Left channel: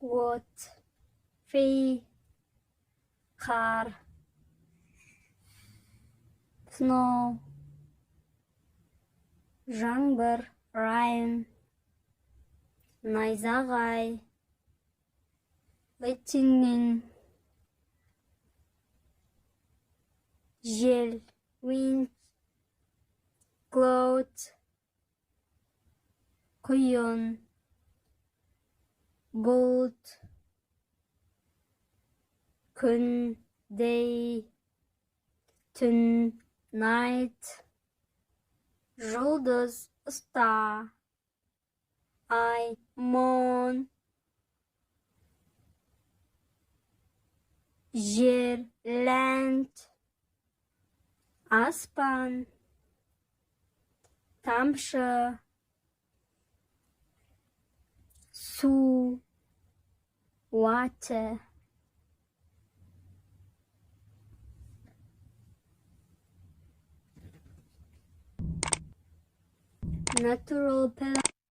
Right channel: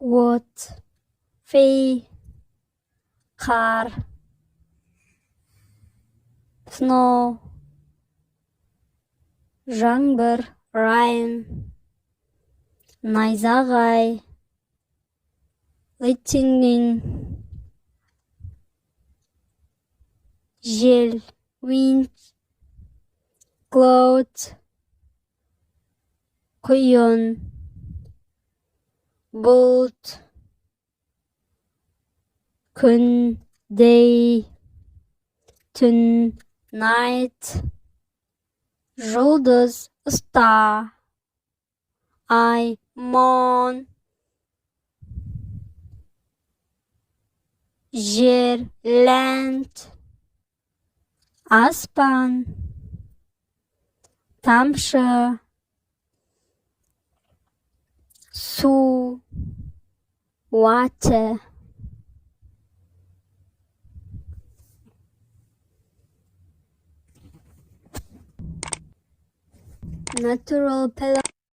От, фей, қар, snow, жаңбыр, rain, найзағай, lightning, жел, wind, cloud, құйын, бұлт, күн, day, түн, night, жұлдыз, star, ай, moon, жер, land, аспан, тамшы, су, water. Natural